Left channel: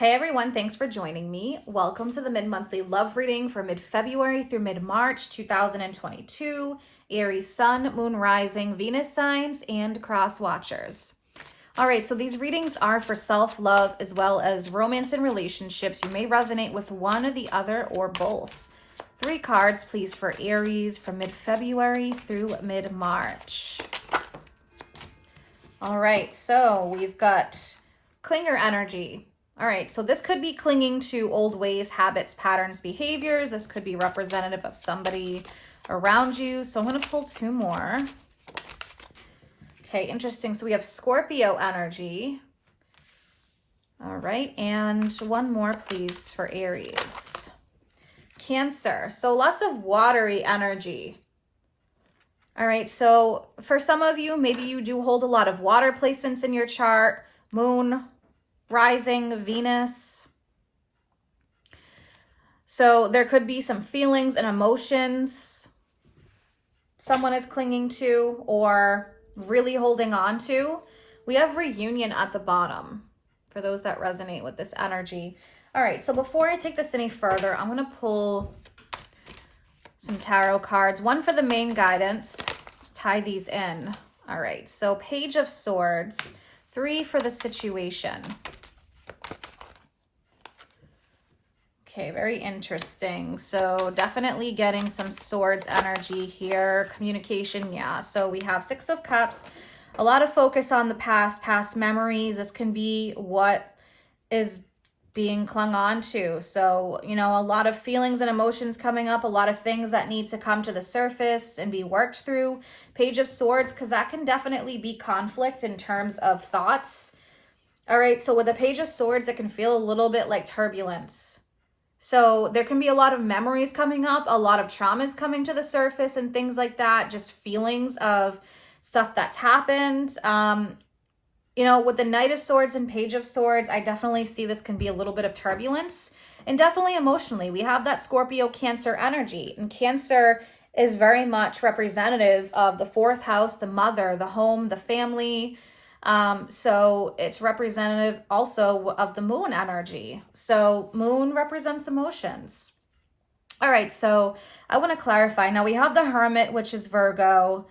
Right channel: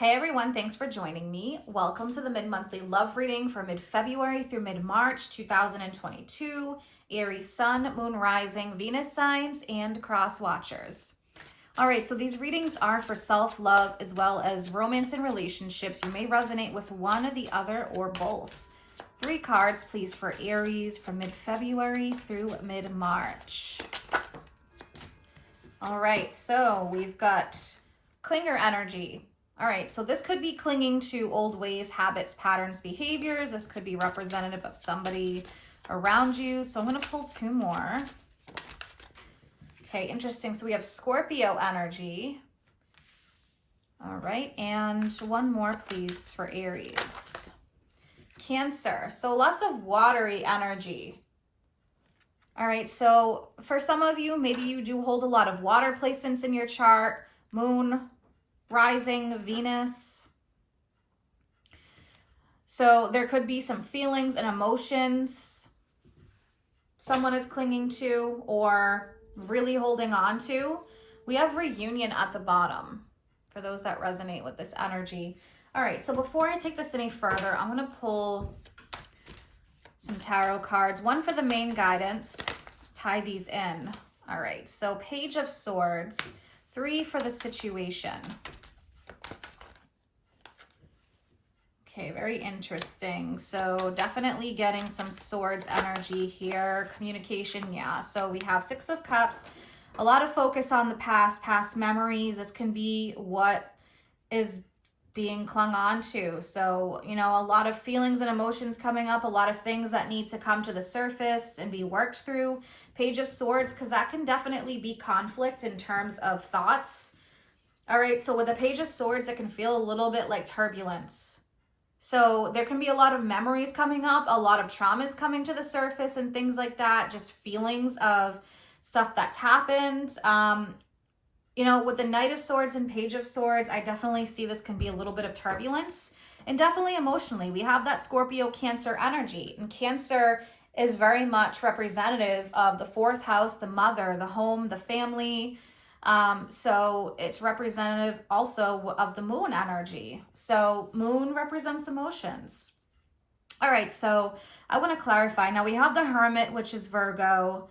Hey everyone, thanks for joining me. Welcome to the mid-monthly love reading for mid-February through mid-March 2022, Aries Sun, Moon Rising, Venus signs, and cross watchers. All right, so these readings are for self-love as well as romance and relationships. You may resonate with one or the other or both. 3 cards, please, for Aries from mid-February through mid-March. All right, so we've got clinger energy. All right, so this could be clinging to old ways, habits, patterns, behaviors. This could be representative of somebody around you. So I'm going to pull 2 more. Okay, interesting. So we have Scorpio energy. All right, and 1 more, please, for Aries. Cancer. So lots of watery energy. All right, so for some of you, maybe you do hold a lot of water placements in your chart. Moon, rising, Venus. So there could be some feelings and emotions someone is clinging to or really holding on to. We have reunion at the bottom for those that resonate with this energy. All right, so before I take this any further, I'm going to pull some tarot cards. 1 for the main guidance. Let's tie these in. All right, so Page of Swords. 3 for the situation. Okay, very interesting. So definitely getting some swords energy here. Communication, yeah. So we have 6 of Cups. A lot of focus on the past memories. This can be what is being clung on to. So, you know, a lot of feelings and emotions coming up, a lot of things that need to come to the surface and be worked through. Page of Swords, because that can definitely be conflict in terms of thoughts. All right, so with the Page of Swords, it can feel a little bit like turbulence. So there can be a lot of memories coming up, a lot of traumas coming to the surface and things like that, just feelings of stuff that's happened. You know, with the Knight of Swords and Page of Swords, I definitely see this can be a little bit of turbulence and definitely emotionally. We have that Scorpio Cancer energy, and Cancer is very much representative of the 4th house, the mother, the home, the family. So it's representative also of the moon energy. So moon represents emotions. All right, so I want to clarify. Now we have the Hermit, which is Virgo.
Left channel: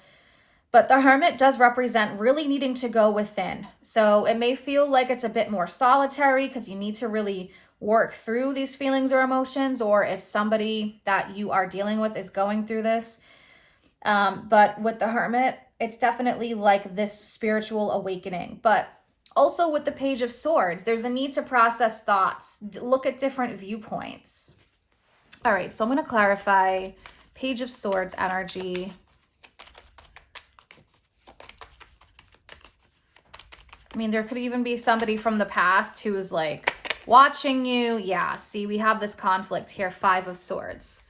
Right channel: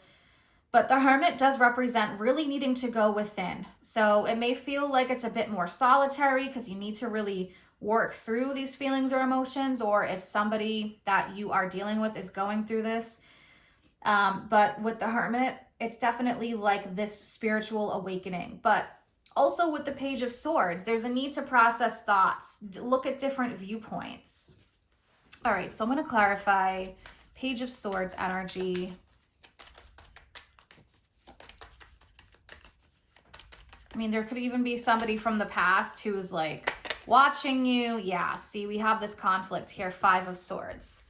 But the Hermit does represent really needing to go within. So it may feel like it's a bit more solitary because you need to really work through these feelings or emotions, or if somebody that you are dealing with is going through this. But with the Hermit, it's definitely like this spiritual awakening. But also with the Page of Swords, there's a need to process thoughts, look at different viewpoints. All right, so I'm going to clarify Page of Swords energy. I mean, there could even be somebody from the past who is like watching you. Yeah, see, we have this conflict here, 5 of Swords.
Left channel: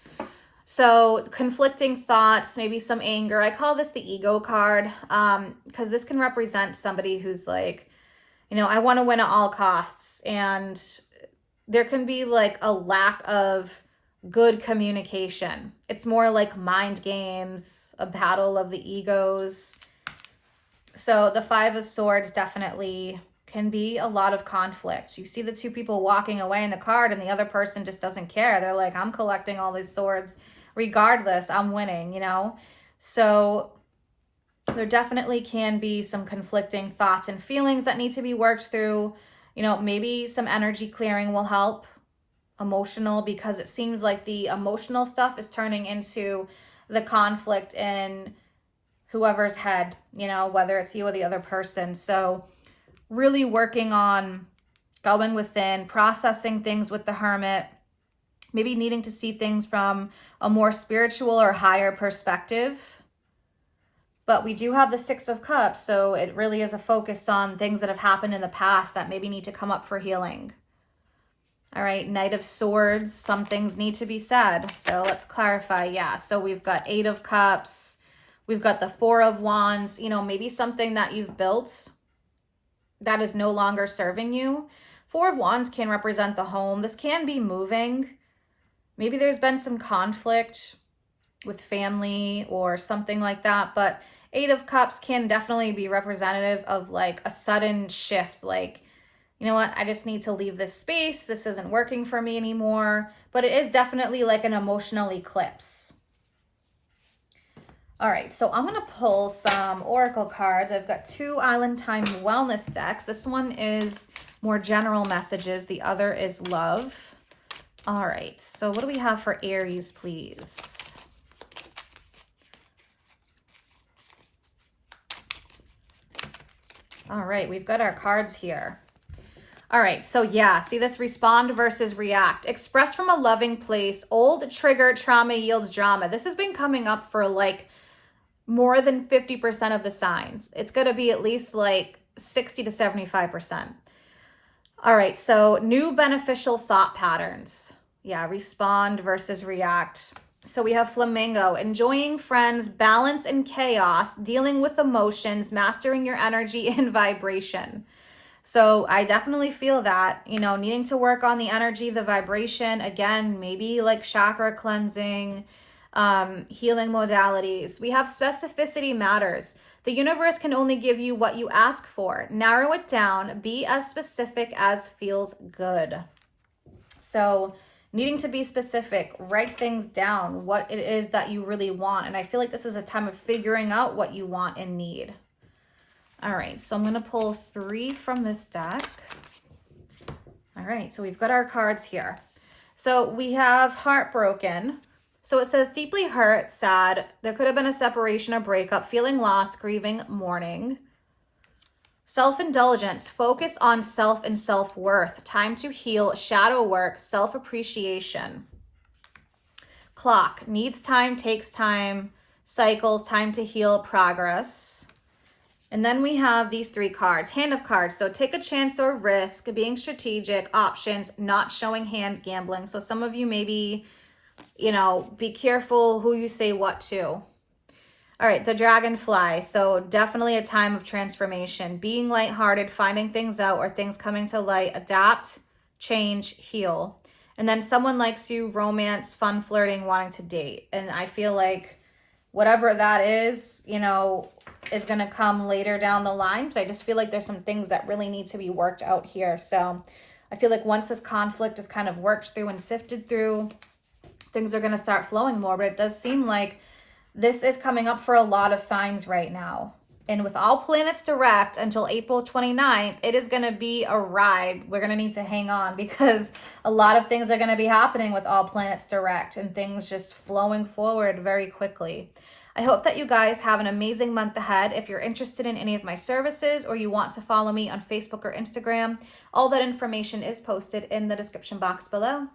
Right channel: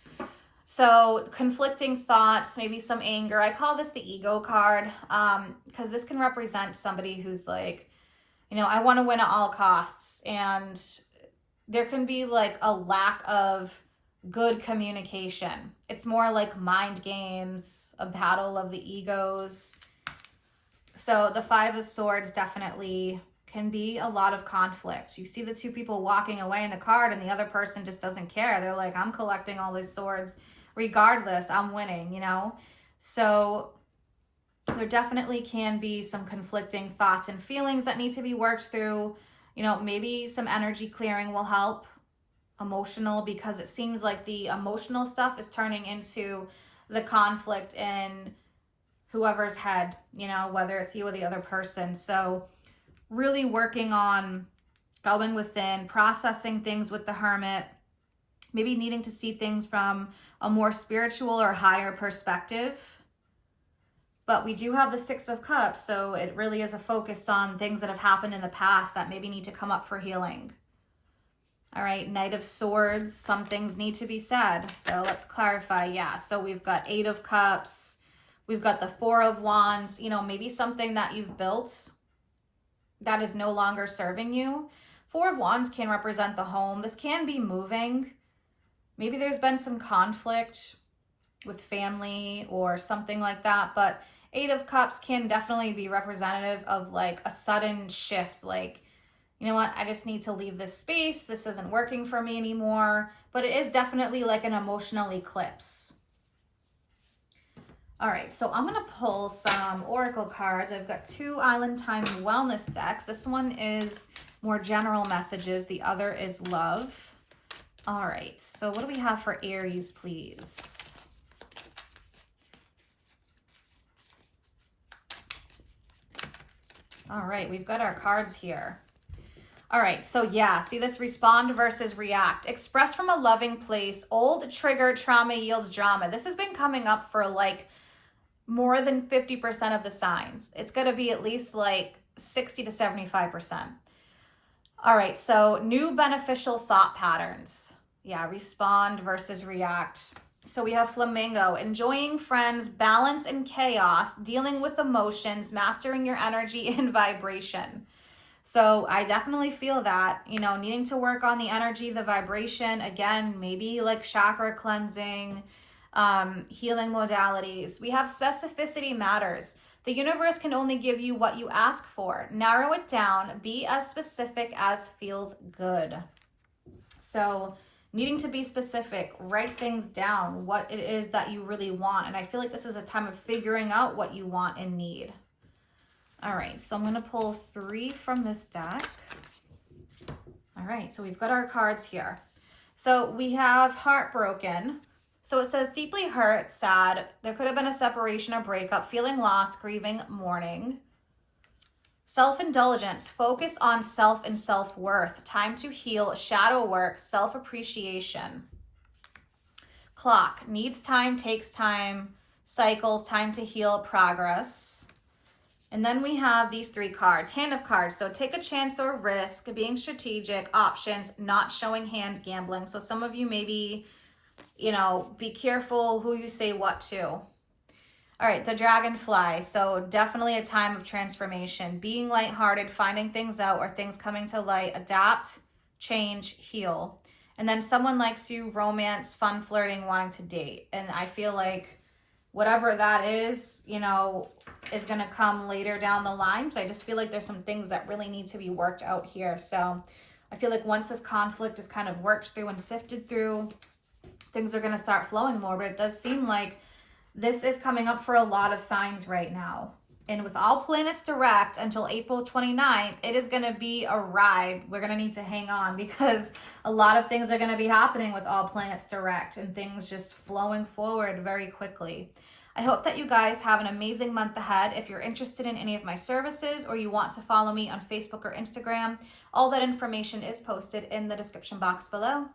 So conflicting thoughts, maybe some anger. I call this the ego card because this can represent somebody who's like, you know, I want to win at all costs. And there can be like a lack of good communication. It's more like mind games, a battle of the egos. So the 5 of Swords definitely can be a lot of conflict. You see the 2 people walking away in the card and the other person just doesn't care. They're like, I'm collecting all these swords regardless. I'm winning, you know? So there definitely can be some conflicting thoughts and feelings that need to be worked through. You know, maybe some energy clearing will help. Emotional, because it seems like the emotional stuff is turning into the conflict in whoever's head, you know, whether it's you or the other person. So really working on going within, processing things with the Hermit, maybe needing to see things from a more spiritual or higher perspective. But we do have the 6 of Cups, so it really is a focus on things that have happened in the past that maybe need to come up for healing. All right, Knight of Swords, some things need to be said. So let's clarify. Yeah, so we've got 8 of Cups. We've got the 4 of Wands, you know, maybe something that you've built that is no longer serving you. 4 of Wands can represent the home. This can be moving. Maybe there's been some conflict with family or something like that. But 8 of Cups can definitely be representative of like a sudden shift, like you know what, I just need to leave this space. This isn't working for me anymore. But it is definitely like an emotional eclipse. All right, so I'm going to pull some oracle cards. I've got 2 Island Time Wellness decks. This one is more general messages. The other is love. All right, so what do we have for Aries, please? All right, we've got our cards here. All right, so yeah, see this respond versus react. Express from a loving place. Old trigger trauma yields drama. This has been coming up for like more than 50% of the signs. It's going to be at least like 60 to 75%. All right, so new beneficial thought patterns. Yeah, respond versus react. So we have flamingo, enjoying friends, balance in chaos, dealing with emotions, mastering your energy and vibration. So I definitely feel that, you know, needing to work on the energy, the vibration, again, maybe like chakra cleansing, healing modalities. We have specificity matters. The universe can only give you what you ask for. Narrow it down. Be as specific as feels good. So needing to be specific, write things down, what it is that you really want. And I feel like this is a time of figuring out what you want and need. All right, so I'm going to pull 3 from this deck. All right, so we've got our cards here. So we have heartbroken. So it says deeply hurt, sad. There could have been a separation or breakup, feeling lost, grieving, mourning. Self-indulgence, focus on self and self-worth. Time to heal, shadow work, self-appreciation. Clock, needs time, takes time, cycles, time to heal, progress. And then we have these 3 cards, hand of cards. So take a chance or risk, being strategic, options, not showing hand, gambling. So some of you maybe, you know, be careful who you say what to. All right, the dragonfly. So definitely a time of transformation, being lighthearted, finding things out or things coming to light, adapt, change, heal. And then someone likes you, romance, fun, flirting, wanting to date. And I feel like whatever that is, you know, is going to come later down the line. But I just feel like there's some things that really need to be worked out here. So I feel like once this conflict is kind of worked through and sifted through, things are going to start flowing more. But it does seem like this is coming up for a lot of signs right now. And with all planets direct until April 29th, it is going to be a ride. We're going to need to hang on because a lot of things are going to be happening with all planets direct and things just flowing forward very quickly. I hope that you guys have an amazing month ahead. If you're interested in any of my services or you want to follow me on Facebook or Instagram, all that information is posted in the description box below.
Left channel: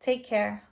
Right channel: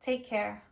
Take care.